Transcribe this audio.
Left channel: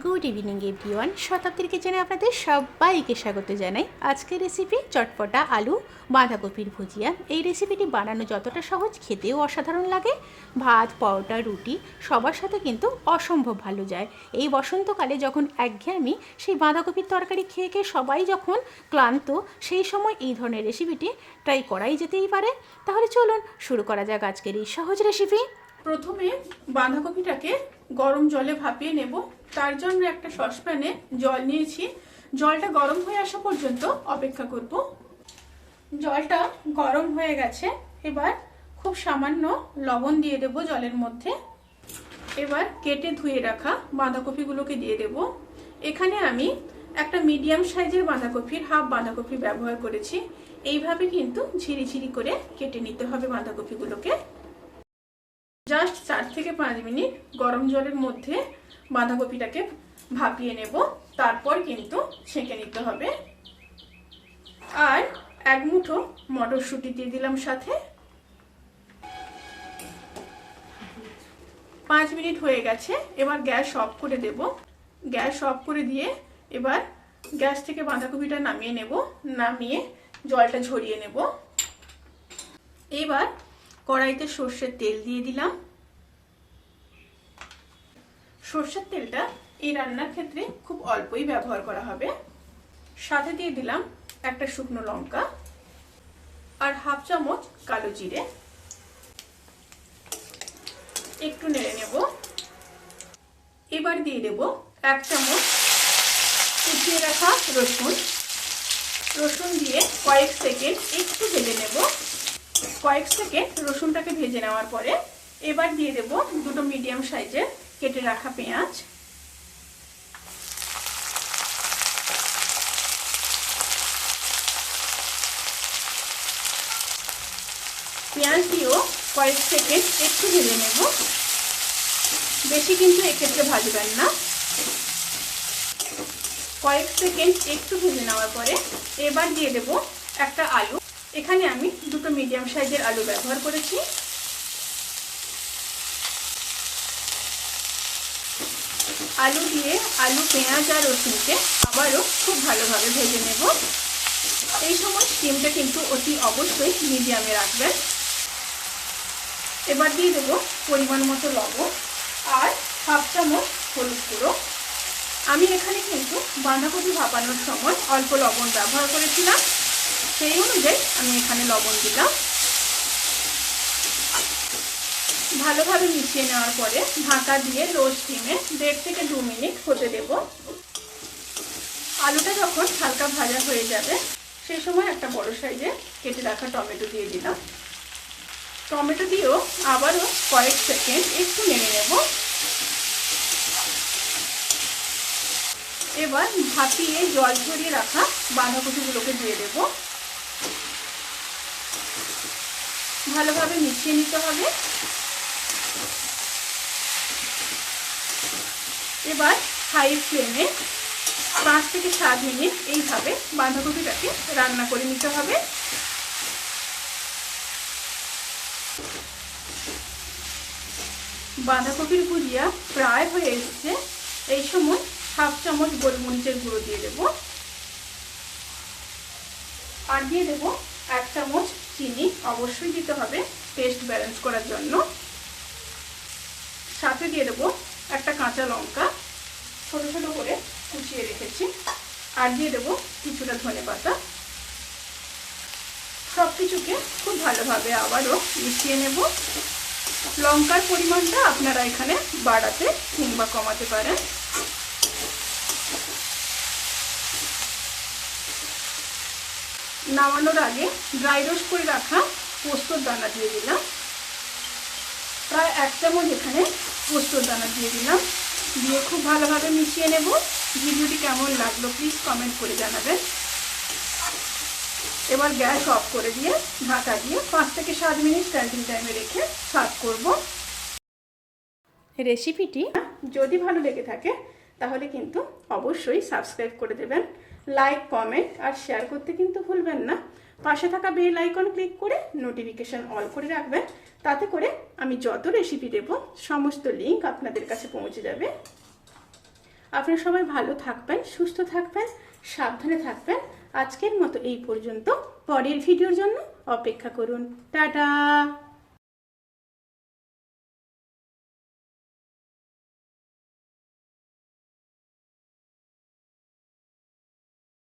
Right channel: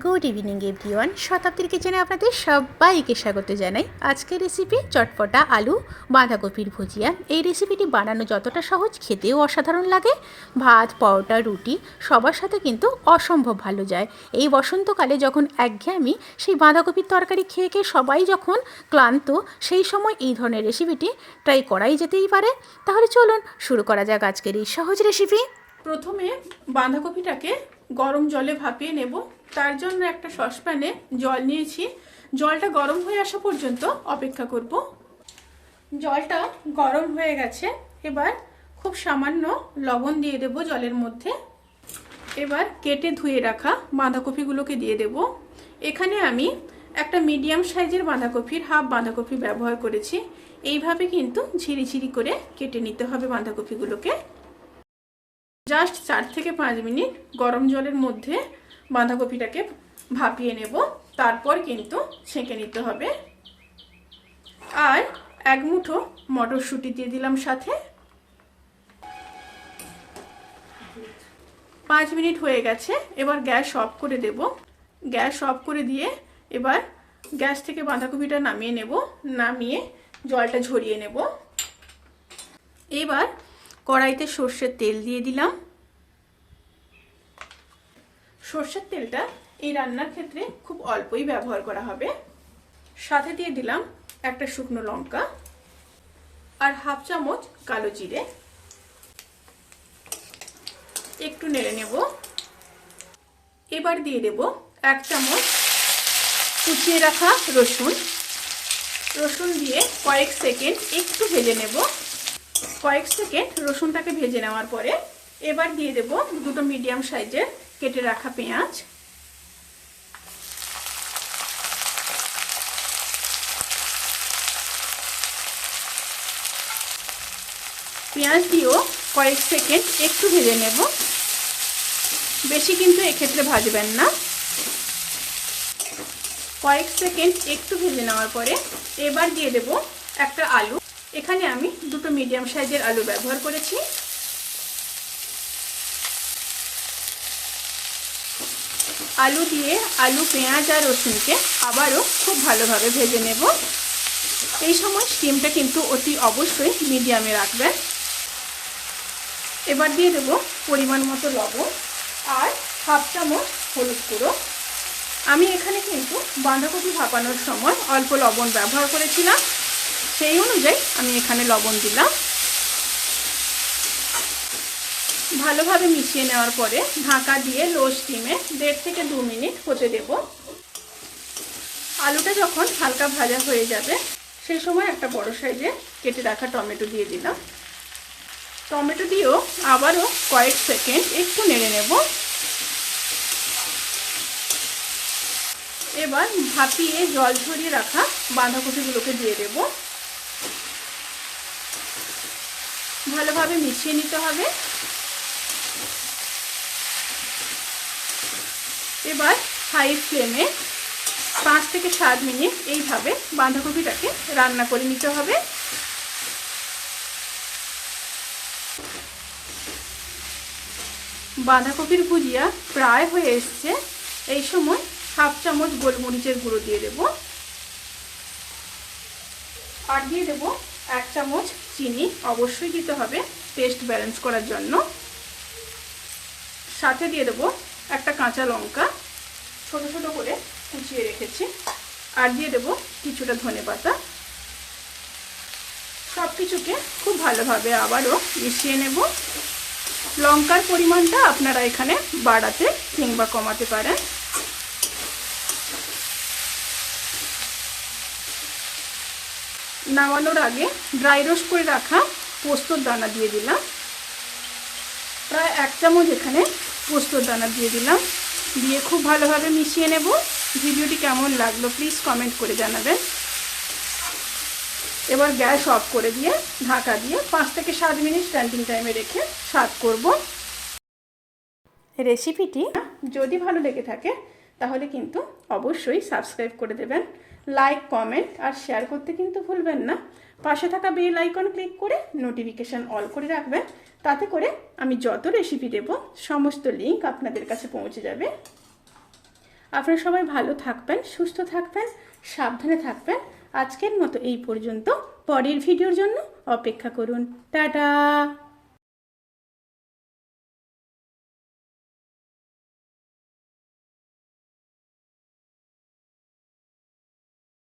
Good evening everyone শতাব্দীর কিচেনে আপনাদের সবাইকে স্বাগত জানাই। আজকের রেসিপি চটপটা, আলু, বাঁধাকপির ভুজিয়া। এই রেসিপিটি বানানো যতটা সহজ, খেতেও অসাধারণ লাগে। ভাত, পরোটা, রুটি, সবার সাথে কিন্তু অসম্ভব ভালো যায়। এই বসন্তকালে যখন একঘেয়েমি সেই বাঁধাকপির তরকারি খেয়ে খেয়ে সবাই যখন ক্লান্ত, সেই সময় এই ধরনের রেসিপিটি ট্রাই করাই যেতেই পারে। তাহলে চলুন, শুরু করা যাক আজকের এই সহজ রেসিপি প্রথমে বাঁধাকপিটাকে গরম জলে ভাপিয়ে নেব। তার জন্য একটা সসপ্যানে জল নিয়েছি। জলটা গরম হয়ে আসা পর্যন্ত অপেক্ষা করব। জলটা গরম হয়ে গেছে। এবার খুব সামান্য লবণ দিয়ে দেব জলের মধ্যে। এবার কেটে ধুয়ে রাখা বাঁধাকপিগুলোকে দিয়ে দেব। এখানে আমি একটা মিডিয়াম সাইজের বাঁধাকপির হাফ বাঁধাকপি ব্যবহার করেছি। এইভাবে কিন্তু ঝিরি ঝিরি করে কেটে নিতে হবে বাঁধাকপিগুলোকে। জাস্ট চার থেকে পাঁচ মিনিট গরম জলের মধ্যে বাঁধাকপিটাকে ভাপিয়ে নেব। তারপর কিন্তু ছেঁকে নিতে হবে। আর এক মুঠো মটরশুঁটি দিয়ে দিলাম সাথে। পাঁচ মিনিট হয়ে গেছে, এবার গ্যাস অফ করে দেব। গ্যাস অফ করে দিয়ে এবার গ্যাস থেকে বাঁধাকপিটা নামিয়ে নেব। নামিয়ে জলটা ঝরিয়ে নেব। এবার কড়াইতে সর্ষের তেল দিয়ে দিলাম। সর্ষের তেলটা এই রান্নার ক্ষেত্রে খুব অল্পই ব্যবহার করা হবে। সাথে দিয়ে দিলাম একটা শুকনো লঙ্কা আর হাফ চামচ কালো জিরে। একটু নেড়ে নেব। এবার দিয়ে দেব এক চামচ কুচিয়ে রাখা রসুন। রসুন দিয়ে কয়েক সেকেন্ড একটু ভেজে নেব। কয়েক সেকেন্ড রসুনটাকে ভেজে নেওয়ার পরে এবার দিয়ে দেব দুটো মিডিয়াম সাইজের কেটে রাখা পেঁয়াজ। পেঁয়াজ দিয়েও কয়েক সেকেন্ড একটু ভেজে নেব। বেশি কিন্তু এক্ষেত্রে ভাজবেন না। কয়েক সেকেন্ড একটু ভেজে নেওয়ার পরে এবার দিয়ে দেব একটা আলু। এখানে আমি দুটো মিডিয়াম সাইজের আলু ব্যবহার করেছি। আলু দিয়ে আলু, পেঁয়াজ আর রসুনকে আবারও খুব ভালোভাবে ভেজে নেব। এই সময় স্টিমটা কিন্তু অতি অবশ্যই মিডিয়ামে রাখবেন এবার দিয়ে দেবো পরিমাণ মতো লবণ আর হাফ চামচ হলুদ গুঁড়ো। আমি এখানে কিন্তু বাঁধাকপি ভাপানোর সময় অল্প লবণ ব্যবহার করেছিলাম। সেই অনুযায়ী আমি এখানে লবণ দিলাম। ভালোভাবে মিশিয়ে নেওয়ার পরে ঢাকা দিয়ে লো স্টিমে দেড় থেকে দু মিনিট হতে দেব। আলুটা যখন হালকা ভাজা হয়ে যাবে সেই সময় একটা বড় সাইজে কেটে রাখা টমেটো দিয়ে দিলাম। টমেটো দিয়েও আবারও কয়েক সেকেন্ড একটু নেড়ে নেব। এবার ভাপিয়ে জল ঝরিয়ে রাখা বাঁধাকপিগুলোকে দিয়ে দেব। ভালোভাবে মিশিয়ে নিতে হবে। এবার হাই ফ্লেমে পাঁচ থেকে সাত মিনিট এইভাবে বাঁধাকপিটাকে রান্না করে নিতে হবে। বাঁধাকপির ভুজিয়া প্রায় হয়ে এসছে। এই সময় হাফ চামচ গোলমরিচের গুঁড়ো দিয়ে দেব। আর দিয়ে দেব এক চামচ চিনি অবশ্যই দিতে হবে টেস্ট ব্যালেন্স করার জন্য। সাথে দিয়ে দেবো একটা কাঁচা লঙ্কা। ছোটো ছোটো করে কুচিয়ে রেখেছি। আর দিয়ে দেবো কিছুটা ধনে পাতা। সব কিছুকে খুব ভালোভাবে আবারও মিশিয়ে নেব। লঙ্কার পরিমাণটা আপনারা এখানে বাড়াতে কিংবা কমাতে পারেন। নামানোর আগে ড্রাই রোস্ট করে রাখা পোস্তর দানা দিয়ে দিলাম। প্রায় এক চামচ এখানে পোস্তর দানা দিয়ে দিলাম। দিয়ে খুব ভালোভাবে মিশিয়ে নেব। ভিডিওটি কেমন লাগল প্লিজ কমেন্ট করে জানাবেন। এবার গ্যাস অফ করে দিয়ে ঢাকা দিয়ে পাঁচ থেকে সাত মিনিট স্ট্যান্ডিং টাইমে রেখে সার্ভ করব। রেসিপিটি যদি ভালো লেগে থাকে তাহলে কিন্তু অবশ্যই সাবস্ক্রাইব করে দেবেন। লাইক কমেন্ট আর শেয়ার করতে কিন্তু ভুলবেন না। পাশে থাকা বেল আইকন ক্লিক করে নোটিফিকেশান অল করে রাখবেন। তাতে করে আমি যত রেসিপি দেব, সমস্ত লিঙ্ক আপনাদের কাছে পৌঁছে যাবে। আপনারা সবাই ভালো থাকবেন, সুস্থ থাকবেন, সাবধানে থাকবেন। আজকের মতো এই পর্যন্ত। পরের ভিডিওর জন্য অপেক্ষা করুন। টাটা!